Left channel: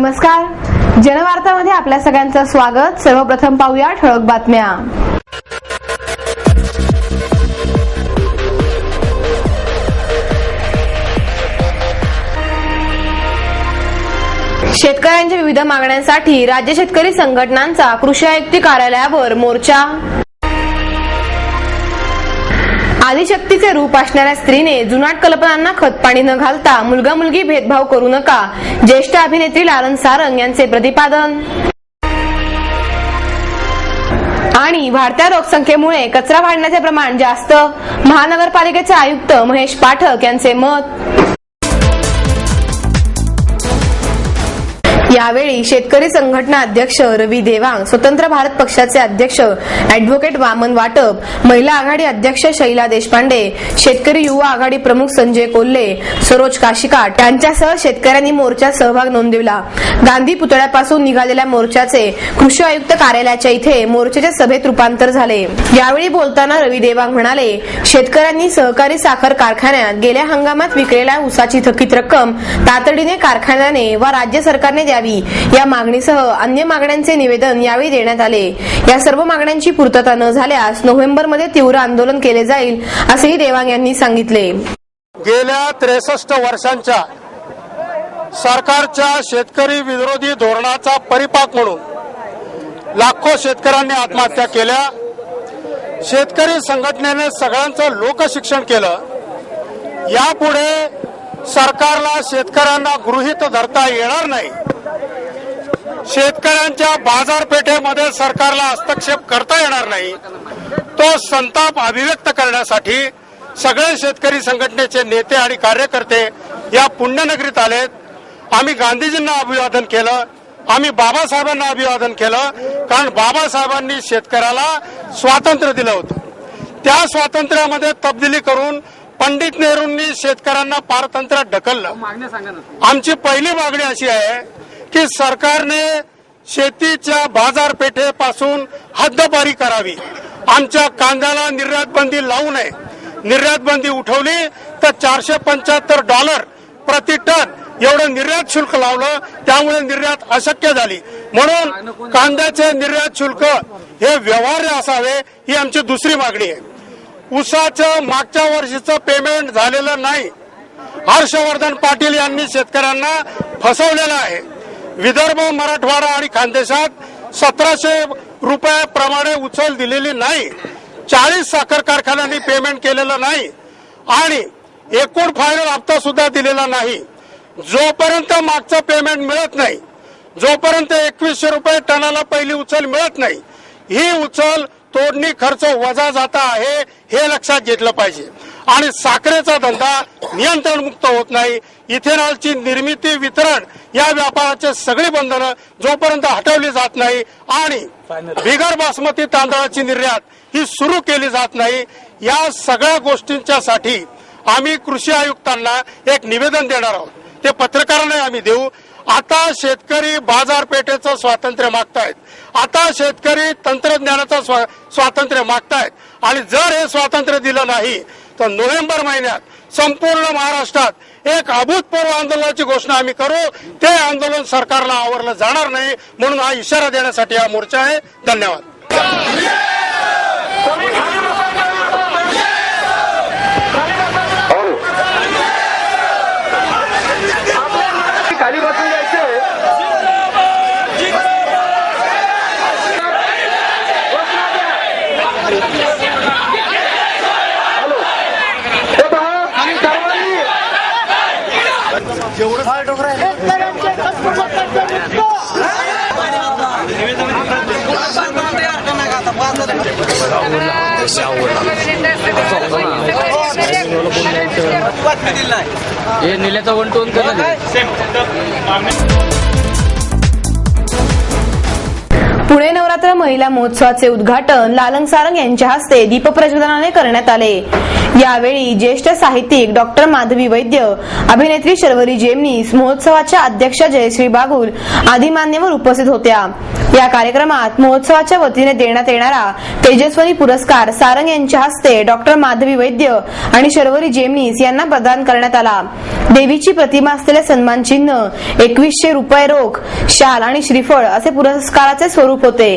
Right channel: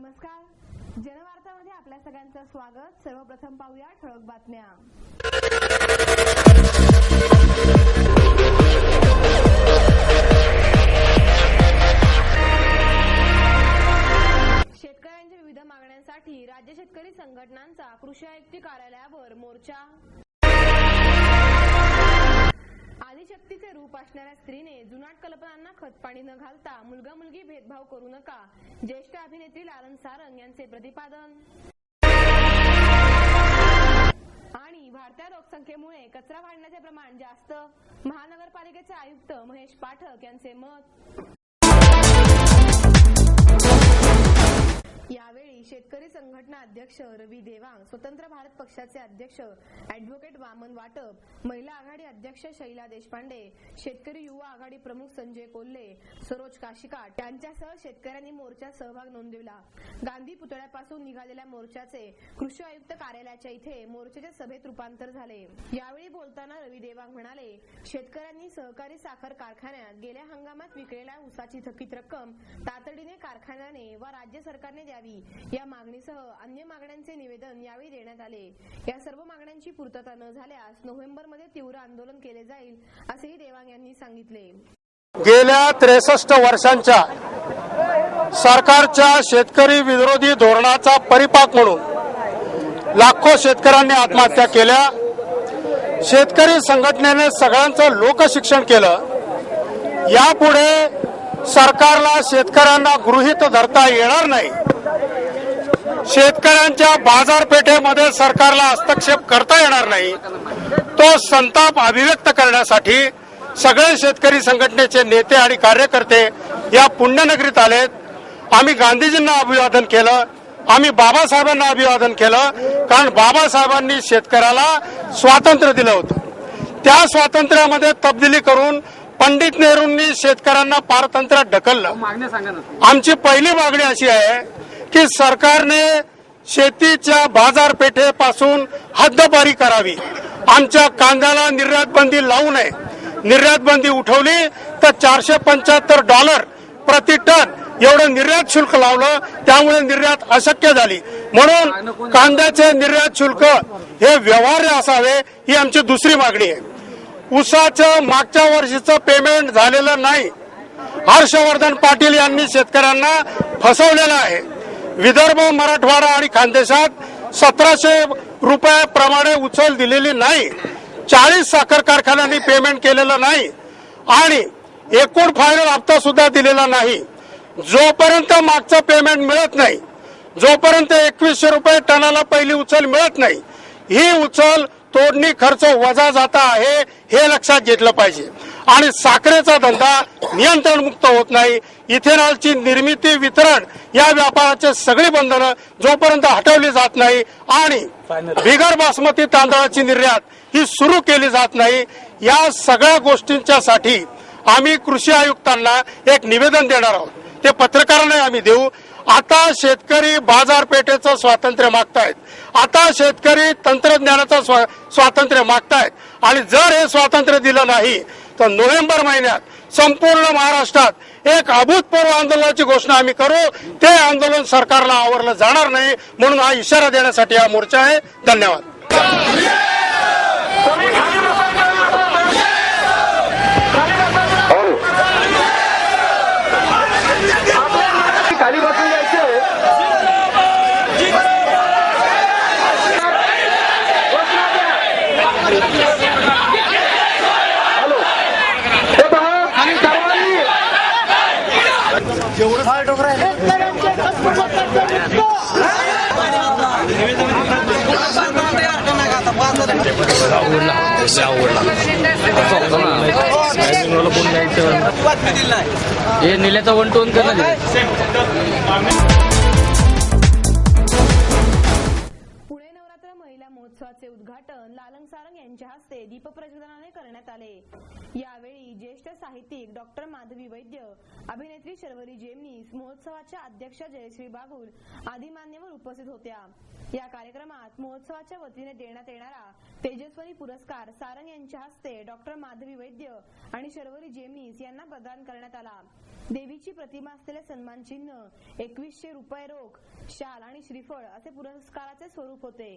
नमस्कार, जनवार्तामध्ये आपल्या सगळ्यांचं स्वागत। सर्वप्रथम पाहूया ठळक बातम्या। शेतकऱ्यांच्या विविध मागण्यांसाठी राज्य शेतकरी संघटनांचा कृषी आयुक्त कार्यालयावर मोर्चा। आदिशक्तीचे रूप असणाऱ्या स्त्रीने जुनाट कल्पनांना खतपाणी न घालता मुलगा मुलगी भेदभाव करू नका, ज्येष्ठ अभिनेत्री लालन सारंग यांचे प्रतिपादन। आणि वाढत्या लोकसंख्येमुळे कचरा वाढण्याचे प्रमाण जास्त, महानगरपालिकेचे आयुक्त महेश पाठक यांचे मत। यावेळी शेतकरी संघटना अध्यक्ष रवी देवांग, स्वतंत्र भारत पक्षाचे अध्यक्ष ॲडव्होकेट वामन वाटप, महिला आघाडी अध्यक्ष शैला देशपांडे, शेतकरी युवा आघाडी प्रमुख संजय कोल्हे, सरोज काशिकाट यांच्यासह शेतकऱ्यांनी मोर्चात सहभाग नोंदवला। गांधी पुतळ्यापासून निघालेल्या मोर्चाचे कृषी आयुक्त कार्यालयाच्या इथे मोर्चाच्या सभेत रूपांतर झाले। यावेळी बोलताना रवी देवांग म्हणाले, शेतकऱ्यांनी सहकारी साखर कारखान्यात गेल्या हंगामात विकलेल्या ऊसाची थकीत रक्कम तातडीने कारखान्याने व राज्य सरकारने द्यावी, या मागणीसह अन्य मागण्यांचे निवेदन यावेळी देण्यात आले। या सर्व मागण्यांची पूर्तता न झाल्यास नोव्हेंबरमध्ये तीव्र आंदोलन केले जाईल, असेही देवांग यांनी सांगितले। गेल्या 63 वर्षांच्या सरकारच्या शेतकरी विरोधी धोरणाचा परिपाक म्हणून लाखो शेतकऱ्यांनी आत्महत्या केल्या। शेतकरी संघटनेने सगळ्यांचं लोकशिक्षण केलं। यापुढे सरकारला शेतकऱ्यांना गृहीत धरता येणार नाही। शेतकऱ्यांच्या बाजारपेठेमध्ये सरकारला हस्तक्षेप करता येणार नाही। तो संताप अभिव्यक्त करण्यासाठी सगळे शेतकरी संघटनेचे नेते आणि कार्यकर्ते या पुण्यनगरीत आलेत। आम्ही गांधीजींना अभिवादन केलं, आम्ही बाबासाहेबांना अभिवादन केलं, कारण बाबासाहेबांनी शेतकऱ्याला स्वातंत्र्य दिलं होतं। त्या स्वातंत्र्यामध्ये तब्दिली करून पंडित नेहरूंनी शेतकऱ्यांना पारतंत्र्यात ढकललं। आमची पहिली मागणी अशी आहे की सरकारने शेतीच्या बाजारपेठेपासून हद्दपारी करावी। आमच्या कांद्याला निर्यात बंदी लावू नये। निर्यात बंदी उठवली तर $475 प्रति टन एवढं निर्यात शुल्क लावलं, त्यामुळे निर्यात अशक्य झाली। म्हणून कांद्याचे निर्यात शुल्क हे व्यवहार्य असावे, ही आमची दुसरी मागणी आहे। ऊसाचं मागच्या वर्षीचं पेमेंट झालेलं नाही। हर्षवर्धन पाटील यांनी शेतकऱ्यांना फसवलेलं आहे। विदर्भ, मराठवाडा आणि खानदेशात 1700 रुपयाप्रमाणे उचल दिलेली नाही। 40 साखर कारखान्यांनी पेमेंट केलेलं नाही आणि एकूण फायनल हप्ता सुद्धा दिलेला नाही। जोपर्यंत मागचं पेमेंट मिळत नाही, जोपर्यंत 2100 रुपये टनाला पहिली उचल मिळत नाही, ही उचल तोडणी खर्च वजा जाता आहे, हे लक्षात घेतलं पाहिजे। आणि साखरेचा धंदा नियंत्रण मुक्त होत नाही। इथेनॉलची निर्मिती, वितरण या व्यापाराचे सगळी बंधनं जोपर्यंत हटवली जात नाही आणि बिगर बासमती तांदळाची निर्यात ही सुरू केली जात नाही, या सगळ्या गोष्टींच्यासाठी आम्ही कृषी आयुक्तांना एक निवेदन देणार आहोत। ते पत्रकारांना आम्ही देऊ। आता शेतकरी बाजारपेठेचं स्वातंत्र्य मागतायत, आता शेतकरी तंत्रज्ञानाचं स्वातंत्र्य मागतायत आणि जर हे स्वातंत्र्य दिलं नाही तर नोव्हेंबर महिन्यात संपूर्ण महाराष्ट्रात एक अभूतपूर्व आंदोलनाची घोषणा आम्ही करू। ते आंदोलन सरकारला आवरलं जाणार नाही, म्हणून हा इशारा देण्यासाठी हा मोर्चा आहे। धन्यवाद। हे निल्याचा 1 टन करणार। पुणे नवरात्र महिला महोत्सवाचे उद्घाटन लालन सारंग यांच्या हस्ते दीपप्रज्वलनाने करण्यात आले। यावेळी ज्येष्ठ साहित्यिक डॉक्टर माधवी वैद्य, अभिनेत्री शर्वरी जेमनीस, महोत्सवाच्या अध्यक्षा जयश्री बागुल आदी मान्यवर उपस्थित होत्या। या कार्यक्रमात महोत्सवाच्या वतीने देण्यात येणारा तेजस्वनी पुरस्कार सारंग यांच्या हस्ते डॉक्टर माधवी वैद्य आणि शर्वरी जेमनीस यांना प्रदान करण्यात आला। देवीची प्रतिमा असलेले सन्मान चिन्ह, 2100 रुपये रोख, शाल आणि श्रीफळ असे पुरस्काराचे स्वरूप होते।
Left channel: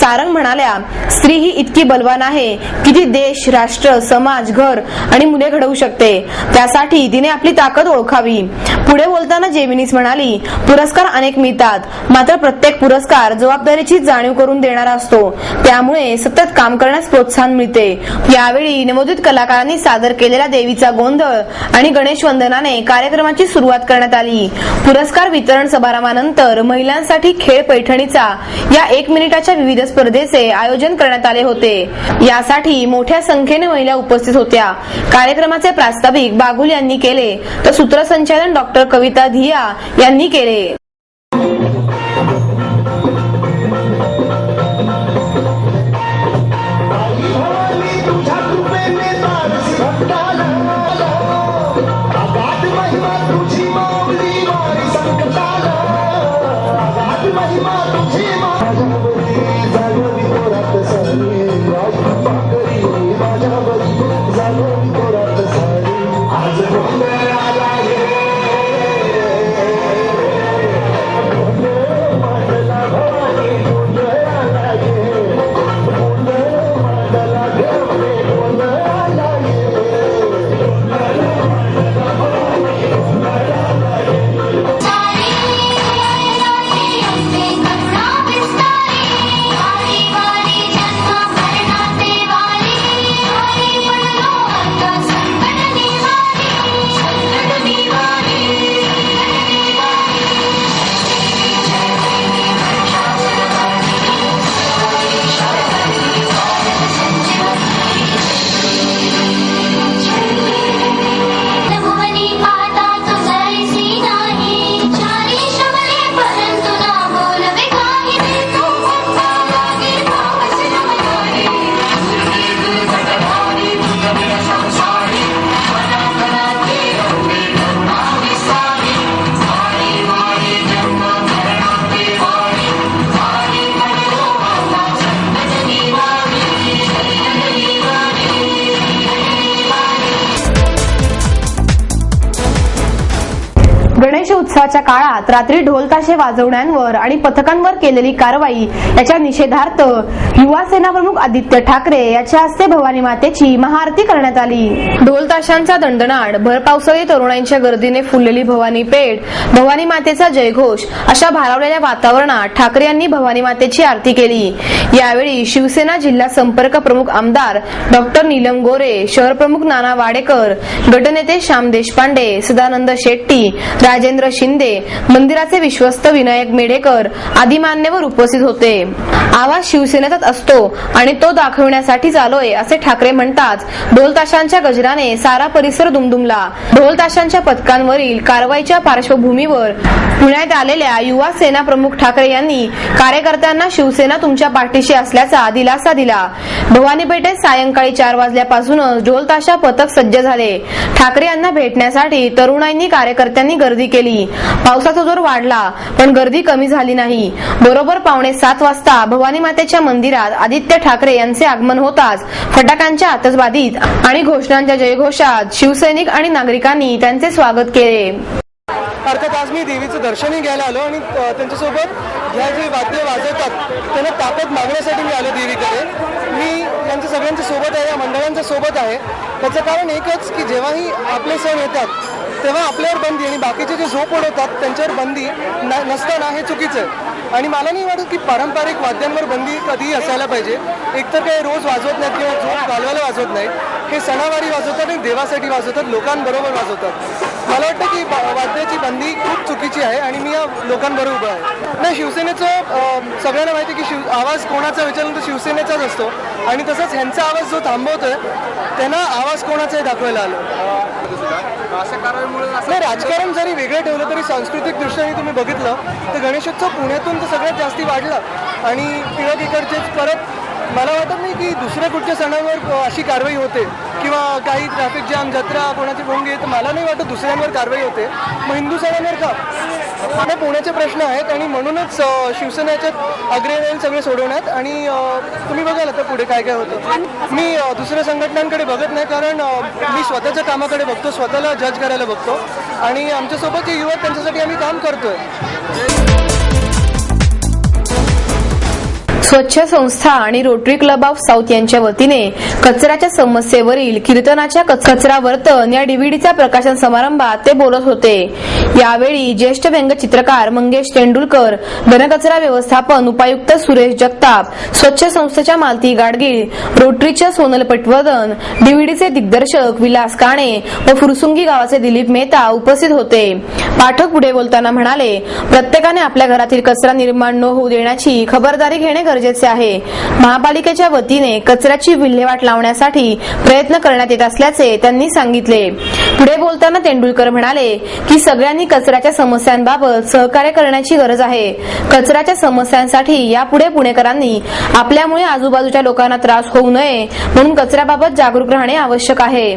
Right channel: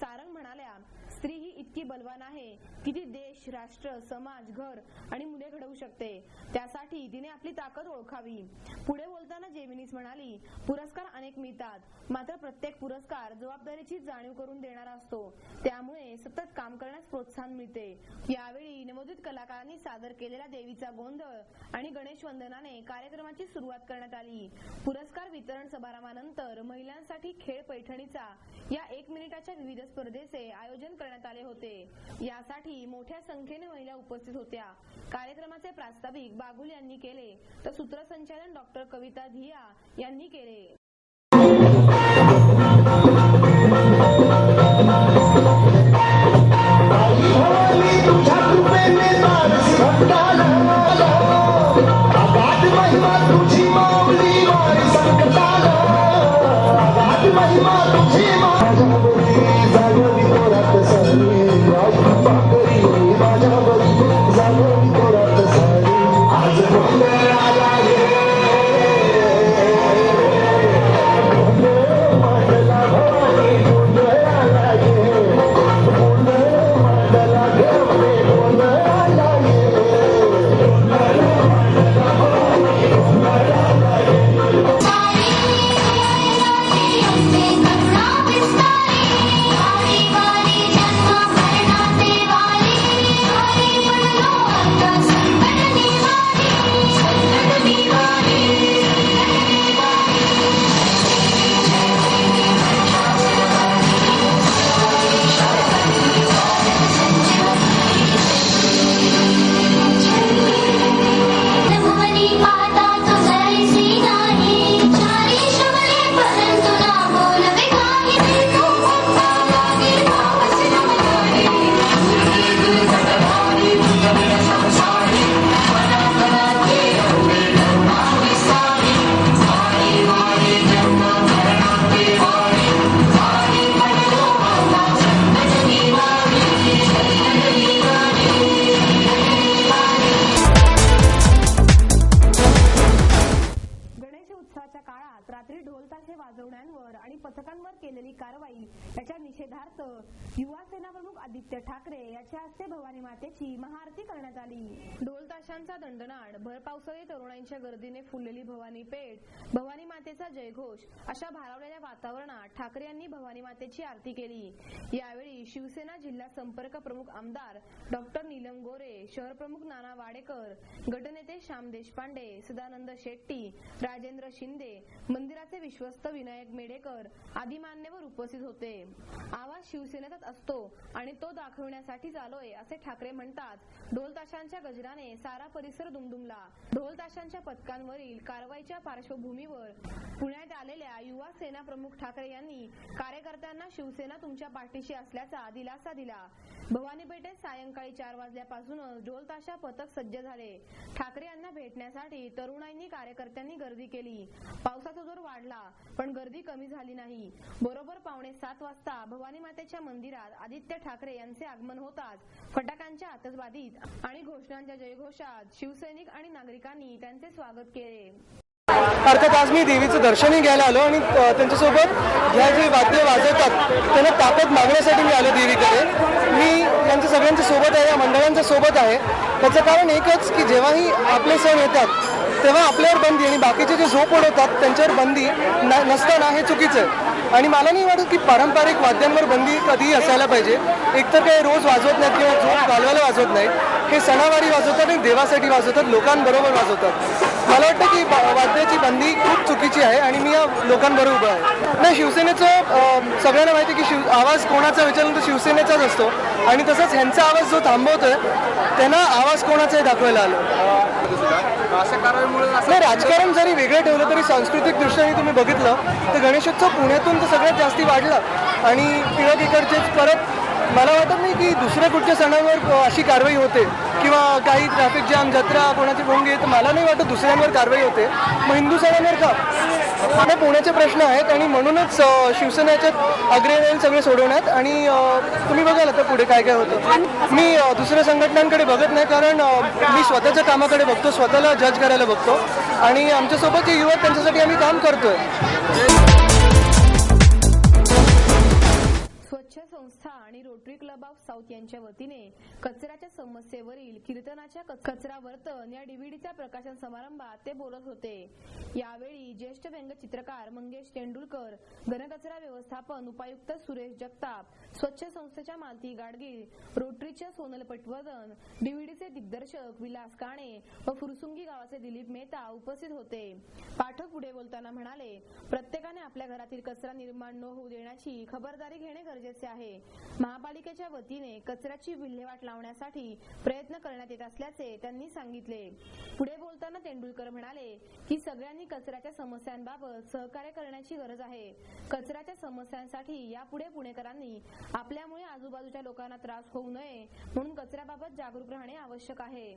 सारंग म्हणाल्या, स्त्री ही इतकी बलवान आहे की ती देश, राष्ट्र, समाज, घर आणि मुले घडवू शकते। त्यासाठी तिने आपली ताकद ओळखावी। पुढे बोलताना जेमिनीस म्हणाली, पुरस्कार अनेक मिळतात, मात्र प्रत्येक पुरस्कार जबाबदारीची जाणीव करून देणारा असतो, त्यामुळे सतत काम करण्यास प्रोत्साहन मिळते। यावेळी नवोदित कलाकारांनी सादर केलेला देवीचा गोंधळ आणि गणेश वंदनाने कार्यक्रमाची सुरुवात करण्यात आली। पुरस्कार वितरण समारंभानंतर महिलांसाठी खेळ पैठणीचा या 1 मिनिटाच्या विविध स्पर्धेचे आयोजन करण्यात आले होते। यासाठी मोठ्या संख्येने महिला उपस्थित होत्या। कार्यक्रमाचे प्रास्ताविक बागुल यांनी केले तर सूत्रसंचालन डॉक्टर कविता धिया यांनी केले। गणेश उत्सवाच्या काळात रात्री ढोल ताशे वाजवण्यांवर आणि पथकांवर केलेली कारवाई याच्या निषेधार्थ युवा सेना प्रमुख आदित्य ठाकरे याच्या हस्ते भवानी मातेची महाआरती करण्यात आली। ढोल ताशांचा दणदणाट, भर पावसाळी तरुणांच्या गर्दीने फुललेली भवानी पेठ, भवानी मातेचा जयघोष अशा भारावलेल्या वातावरणात ठाकरे यांनी भवानी मातेची आरती केली। यावेळी शिवसेना जिल्हा संपर्क प्रमुख आमदार डॉक्टर नीलम गोरे, शहर प्रमुख नाना वाडेकर, गटनेते श्याम देशपांडे, सदानंद शेट्टी, राजेंद्र शिंदे, मंदिराचे विश्वस्त विनायक मेढेकर आदी मान्यवर उपस्थित होते। आवाज शिवसेनेचाच असतो आणि तो दाखवण्यासाठी आलोय असे ठाकरे म्हणतात। ढोल ताशांच्या गजराने सारा परिसर दुमदुमला। ढोल ताशांच्या पथकांवरील कारवाईच्या पार्श्वभूमीवर पुण्यात आलेल्या युवा सेना प्रमुख ठाकरे यांनी कार्यकर्त्यांना शिवसेना तुमच्या पाठीशी असल्याचा दिलासा दिला। भवानी पेठेत सायंकाळी 4 वाजल्यापासूनच ढोल ताशा पथक सज्ज झाले। ठाकरे यांना भेटण्यासाठी तरुणांनी कार्यकर्त्यांनी गर्दी केली। पावसाचा जोर वाढला पण गर्दी कमी झाली नाही। बरोबर 6:45 वाजता भवानी मातेच्या मंदिरात आदित्य ठाकरे यांचे आगमन होताच फटाक्यांच्या आतषबाजीत आणि घोषणांच्या जयघोषात शिवसैनिक आणि नागरिकांनी त्यांचे स्वागत केले। अर्थात आज मी देवीचं दर्शनही घ्यायला आलो आणि त्यांच्यासोबत ह्या जे वाद्य वाजवतात त्यांना ताकद मागण्यासाठी मी आलो देवीकडे। मी यांच्या सगळ्यांच्या सोबत आहे, या मंडळांच्या सोबत आहे। त्याचं कारण एकच की जेव्हाही आपले सण येतात तेव्हा आपल्यावर बंदी आणि बाकीचे जे झोप उडवतात त्यांच्यावर बंदी नसताना हे चुकीचं आहे। आणि मला नाही वाटत की पारंपरिक वाद्यांवर बंदी कधीही असायला पाहिजे। एकतर काही रोज वाजवत नाहीत किंवा झोप घालवायला वाजवत नाही, हे सणावारी वाजवतात आणि देवासाठी वाजवतात, लोकांबरोबर वाजवतात। मला वाटतं की वाद्याची बंदी खूप चुकीची आहे आणि मी या लोकांबरोबर उभा आहे। नाही, शिवसेनेचं सगळ्यांना माहिती की आवाज कोणाचा विचारलं तर शिवसेनेचाच असतो आणि तसंच ह्यांचा आवाज जो थांबवतोय त्यांना आवाज कोणाचाही दाखवायला आलो। नाही, राजकारण जरी वेगळं ठेवलं तरी सांस्कृतिक दृष्ट्याने तुम्ही बघितलं तर गणेशोत्सव पुण्यातून तर सगळ्यात जास्ती वाढला आणि टिळक इकडचेच परत मला वाटत नाही की दुसऱ्या कुठच्या सणावर अशी कारवाई होते। किंवा काही ट्रॅफिक जाम, जत्रा कोणाची भोंगी, तर मला नाही वाटत दुसऱ्यांवर कारवाई होते. मग हिंदू सणांवर का? हे पुण्याचे प्रश्न आहेत आणि म्हणूनच शिवसेनेच्यात अग्रेण येईल सगळे सोडवण्यात. आणि तुम्ही बघाल आता पुढे काय काय होतं. मी दुसऱ्या संघटनांकडे बघत नाही, कारण मी स्वतःच्या कामाकडे बघतो, स्वतःला जज करायला बघतो आणि आमच्यासोबत जे युवक त्यांच्यासाठी आम्ही काम करतोय. स्वच्छ संस्था आणि रोटरी क्लब ऑफ साऊथ यांच्या वतीने कचऱ्याच्या समस्येवरील कीर्तनाच्या कचरा वर्तन या डीव्हीडीच्या प्रकाशन समारंभात ते बोलत होते. यावेळी ज्येष्ठ व्यंगचित्रकार मंगेश तेंडुलकर, घनकचरा व्यवस्थापन उपायुक्त सुरेश जगताप, स्वच्छ संस्थेच्या मालती गाडगीळ, रोटरीच्या सोनल पटवर्धन, डीव्हीडीचे दिग्दर्शक विलास काणे व फुरसुंगी गावाचे दिलीप मेहता उपस्थित होते. पाठक पुढे बोलताना म्हणाले, प्रत्येकाने आपल्या घरातील कचरा निर्माण न होऊ देण्याची खबरदारी घेणे गरजेचे आहे. महापालिकेच्या वतीने कचऱ्याची विल्हेवाट लावण्यासाठी प्रयत्न करण्यात येत असल्याचे त्यांनी सांगितले. पुढे बोलताना तेंडुलकर म्हणाले की सगळ्यांनी कचऱ्याच्या समस्यांबाबत सहकार्य करण्याची गरज आहे. कचऱ्याच्या समस्यांसाठी यापुढे पुणेकरांनी आपल्यामुळे आजूबाजूच्या लोकांना त्रास होऊ नये म्हणून कचऱ्याबाबत जागरूक राहणे आवश्यक आहे.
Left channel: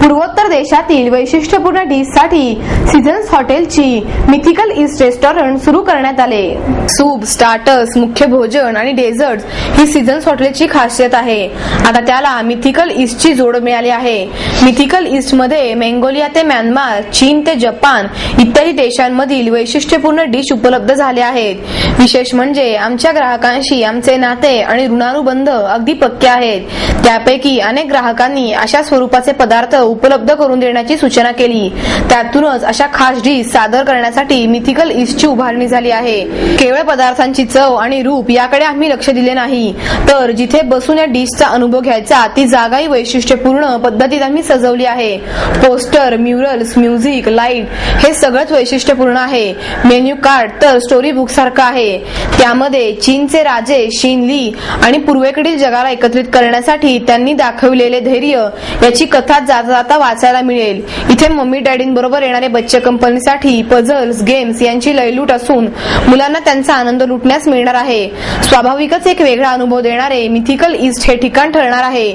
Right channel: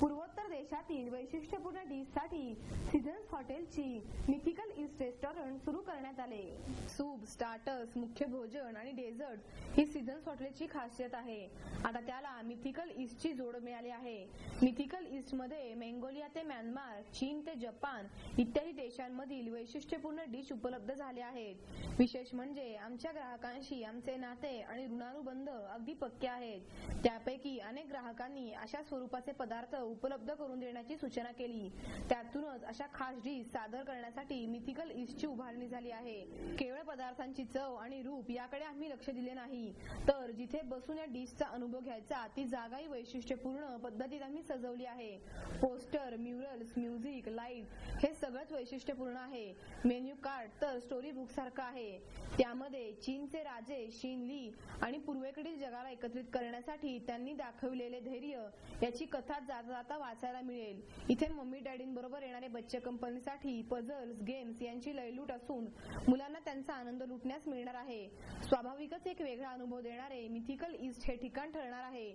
पूर्वोत्तर देशातील वैशिष्ट्यपूर्ण डिशसाठी सीझन्स हॉटेलची मिथिकल ईस्ट रेस्टॉरंट सुरू करण्यात आले. सूप, स्टार्टर्स, मुख्य भोजन आणि डेझर्ट्स ही सीझन्स हॉटेलची खासियत आहे. आता त्याला मिथिकल ईस्टची जोड मिळाली आहे. मिथिकल ईस्ट मध्ये मंगोलिया ते म्यानमार, चीन ते जपान इत्यादी देशांमधील वैशिष्ट्यपूर्ण डिश उपलब्ध झाले आहेत. विशेष म्हणजे आमच्या ग्राहकांशी आमचे नाते आणि ऋणानुबंध अगदी पक्के आहेत. त्यापैकी अनेक ग्राहकांनी अशा स्वरूपाचे पदार्थ उपलब्ध करून देण्याची सूचना केली. त्यातूनच अशा खास डिश सादर करण्यासाठी मिथिकल ईस्टची उभारणी झाली आहे. केवळ पदार्थांची चव आणि रूप याकडे आम्ही लक्ष दिले नाही, तर जिथे बसून या डिशचा अनुभव घ्यायचा ती जागाही वैशिष्ट्यपूर्ण पद्धतीत आम्ही सजवली आहे. पोस्टर, म्युरल्स, म्युझिक, लाईट हे सगळंच वैशिष्ट्यपूर्ण आहे. मेन्यू कार्ड तर स्टोरी बुक सारखं आहे. त्यामध्ये चीनचे राजे शिन ली आणि पूर्वेकडील जगाला एकत्रित करण्यासाठी त्यांनी दाखवलेले धैर्य याची कथा जाता वाचायला मिळेल. इथे मम्मी डॅडींबरोबर येणारे बच्चे कंपनीसाठी पझल्स, गेम्स यांची लयलूट असून मुलांना त्यांचा आनंद लुटण्यास मिळणार आहे. स्वाभाविकच एक वेगळा अनुभव देणारे मिथिकल ईस्ट हे ठिकाण ठरणार आहे.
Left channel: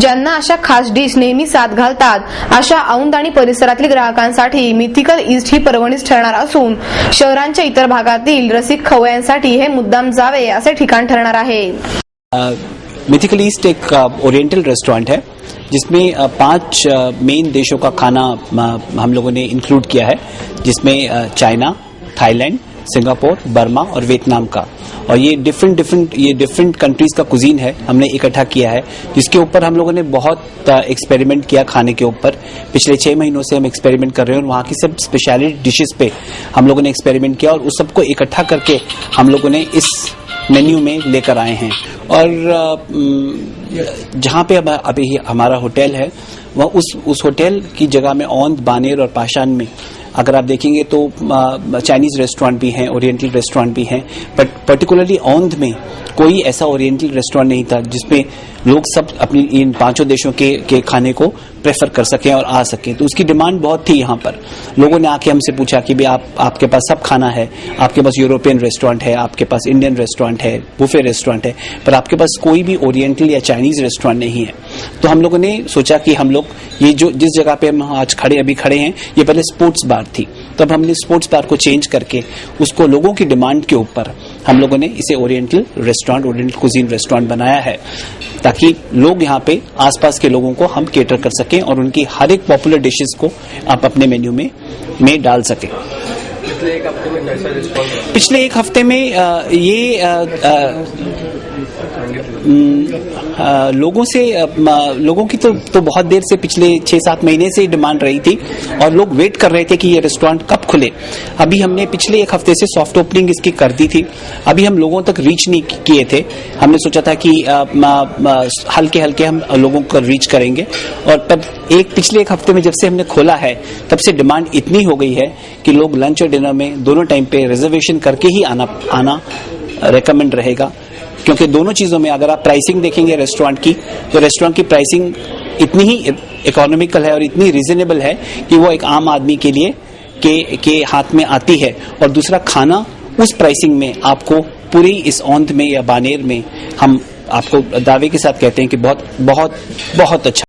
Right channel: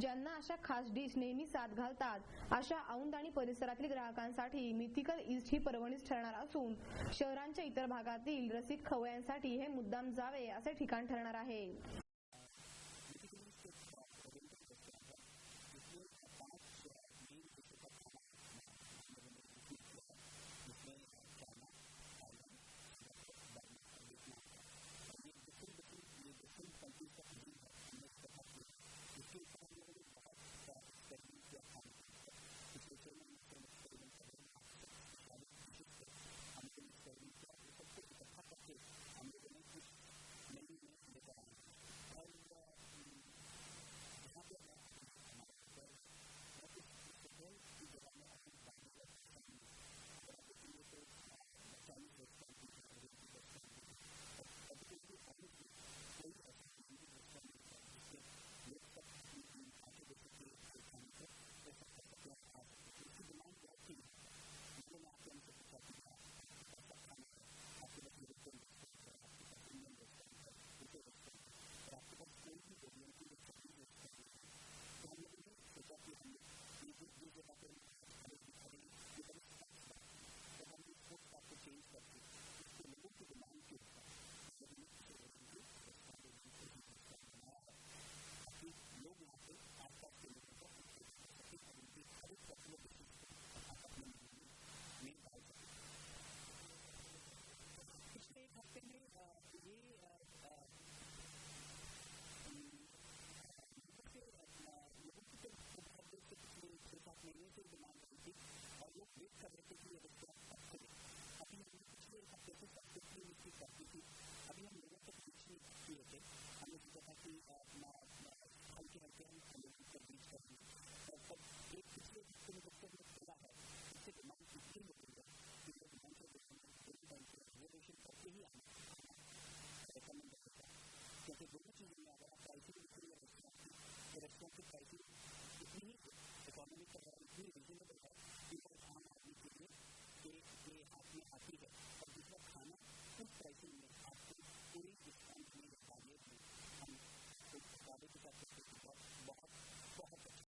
ज्यांना अशा खास डिश नेहमी साथ घालतात अशा औंध आणि परिसरातील ग्राहकांसाठी मिथिकल ईस्ट ही पर्वणीच ठरणार असून शहरांच्या इतर भागातील रसिक खवय्यांसाठी हे मुद्दाम जावे असे ठिकाण ठरणार आहे. मिथिकल ईस्ट एक ओरिएंटल रेस्टोरेंट है जिसमें 5 मेन देशों का खाना हम लोगों ने इंक्लूड किया है, जिसमें चाइना, थाईलैंड, सिंगापुर, बर्मा और वियतनाम का. और ये डिफरेंट कंट्रीज का कुजीन है हमने इकट्ठा किया है, जिसके ऊपर हम लोगों ने बहुत एक्सपेरिमेंट किया खाने के ऊपर. पिछले 6 महीनों से हम एक्सपेरिमेंट कर रहे हैं और वहाँ की सब स्पेशलिटी डिशेस पे हम लोगों ने एक्सपेरिमेंट किया और उस सबको इकट्ठा करके हम लोगों ने इस मेन्यू में लेकर आए हैं. और जहाँ पे अभी हमारा होटल है वह उस होटल की जगह में औंध, बानेर और पाषाण में अगर आप देखेंगे तो चाइनीज रेस्टोरेंट भी हैं, ओरिएंटल रेस्टोरेंट भी हैं, बट पर्टिकुलरली औंध में कोई ऐसा ओरिएंटल रेस्टोरेंट नहीं था जिसमें लोग सब अपनी इन 5 देशों के खाने को प्रेफर कर सकें और आ सकें. तो उसकी डिमांड बहुत थी. यहाँ पर लोगों ने आके हमसे पूछा कि भाई आपके पास सब खाना है, आपके पास यूरोपियन रेस्टोरेंट है, आपके पास इंडियन रेस्टोरेंट है, बुफे रेस्टोरेंट है, पर आपके पास कोई भी ओरिएंटल या चाइनीज रेस्टोरेंट नहीं है. तो हम लोगों ने सोचा कि हम लोग ये जो जिस जगह पे हम आज अभी खड़े हैं ये पहले स्पोर्ट्स बार थी, तब हमने स्पोर्ट्स बार को चेंज करके उसको लोगों की डिमांड के ऊपर हम लोगों ने इसे oriental restaurant, oriental cuisine restaurant बनाया है, ताकि लोग यहाँ पे आसपास के लोगों को हम केटर कर सकें और उनकी हर एक पॉपुलर डिशेस को आप अपने मेन्यू में डाल सकें. पिछले एक हफ्ते में लोगों की तो बहुत देर से पिछले 6-7 महीने से डिमांड रही थी और लोग वेट कर रहे थे कि ये रेस्टोरेंट कब खुले. अभी हमने पिछले एक हफ्ते से सॉफ्ट ओपनिंग इसकी कर दी थी. अभी हम लोगों तक रीच नहीं किए थे. हमने सोचा था कि हल्के हल्के हम लोगों को रीच करेंगे और तब पिछले एक हफ्ते में जब से हमने खोला है तब से डिमांड इतनी हो गई है कि लोग लंच और डिनर में दोनों टाइम पे रिजर्वेशन करके ही आना रेकमेंड रहेगा. क्योंकि दोनों चीजों में अगर आप प्राइसिंग देखेंगे रेस्टोरेंट की, तो रेस्टोरेंट की प्राइसिंग इतनी ही इकोनॉमिकल है और इतनी रीजनेबल है कि वो एक आम आदमी के लिए के हाथ में आती है. और दूसरा, खाना उस प्राइसिंग में आपको पूरी इस औंध में या बानेर में हम आपको दावे के साथ कहते हैं कि बहुत बहुत बहुत अच्छा